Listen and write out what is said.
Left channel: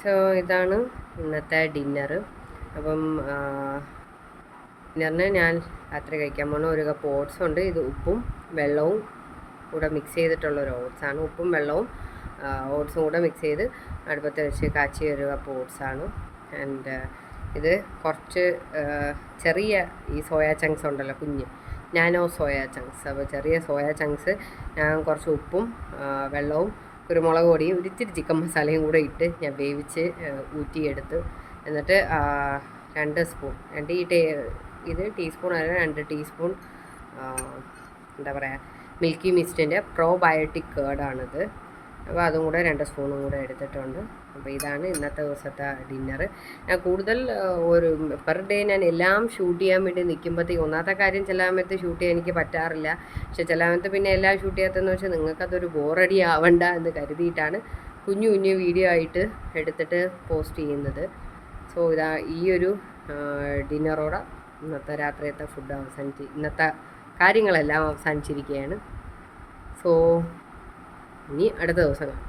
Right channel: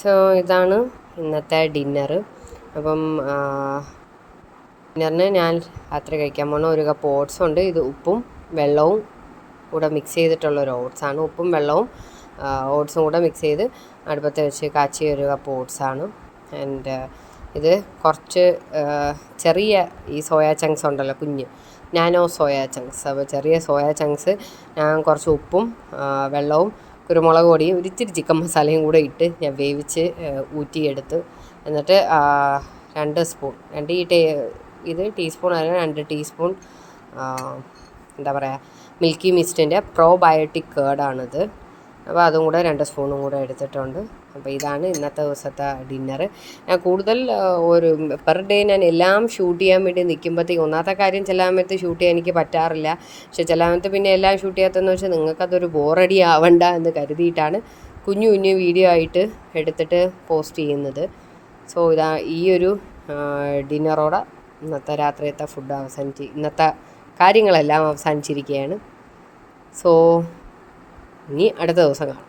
So ഇതാണ് ഇന്നത്തെ dinner. അപ്പം ഡിന്നറിന് ഞാൻ രാത്രി കഴിക്കാൻ പോകുന്ന ഒരു കപ്പ് ഓട്സ് ഉണ്ട്. ഇത് ഉപ്പും വെള്ളവും കൂടെ മിക്സ് ചെയ്തിട്ടുള്ള ഒരു ഓട്സാണ്. ഉപ്പും വെള്ളവും ഓട്സും കൂടെ മിക്സ് ചെയ്ത് അടുപ്പത്ത് വെച്ച് കാച്ചിയ ഒരു കപ്പ് ഓട്സാണ്. ആൻഡ് ഇത് കുറച്ച് ചെറിയ ഈ സോയാ ചങ്ക്സ് ഉണ്ടല്ലോ, കുഞ്ഞ് നാനോ സോയാ ചങ്ക്സ്. അപ്പോൾ ചെറിയ സോയാ ചങ്ക്സ് ഞാൻ കുറച്ച് ഉപ്പും വെള്ളവും കുരുമുളക് പൊടിയും ഒരിച്ചിരി ചിക്കൻ മസാലയും കൂടെ ഇട്ട് ഞാൻ വേവിച്ച് ഊറ്റിയെടുത്ത്, എന്നിട്ട് 2 സ്പൂൺ ഇത് ടീസ്പൂൺ അല്ല 2 ടീസ്പൂൺ എന്താ പറയുക മിൽക്കി മിസ്റ്റിൻ്റെ പ്രോബയോട്ടിക് കേർഡാണിത്. അപ്പോൾ അതും കൂടെ 2 സ്പൂണും കൂടെ എടുത്തിട്ടുണ്ട്. അപ്പോൾ ഇതാണ് ഇന്നത്തെ ദിവസത്തെ ഡിന്നർ. ഞാൻ കൂടുതൽ ഒരു പെർ ഡേ ഞാൻ എല്ലാം ഷൂട്ട് ചെയ്യാൻ വേണ്ടി നിൽക്കുമ്പോഴത്തേക്ക് ഒന്നാമത്തെ കാര്യം ചില സമയത്ത് ഷൂട്ട് ചെയ്യാൻ എനിക്ക് പറ്റാറില്ല. പക്ഷെ ചില സമയത്ത് പിന്നെ എല്ലാം ഷൂട്ട് ചെയ്യാത്തതെന്ന് വെച്ചാൽ നിങ്ങൾക്കതൊരു ബോറടി ആവണ്ട എന്ന് കരുതിയിട്ടാണ് കുഞ്ഞു കുഞ്ഞു വീഡിയോ ആയിട്ട് എടുത്തിട്ട് പോസ്റ്റ് ചെയ്യുന്നത്. സോ ഈ ഒരു ഡിന്നറോടെ ഇന്നത്തെ രാത്രിയത്തെ ഇന്നത്തെ കാര്യങ്ങളെല്ലാം അവസാനിച്ചിരിക്കുകയാണ്. സോ ഇനി അടുത്ത ദിവസം കാണാം.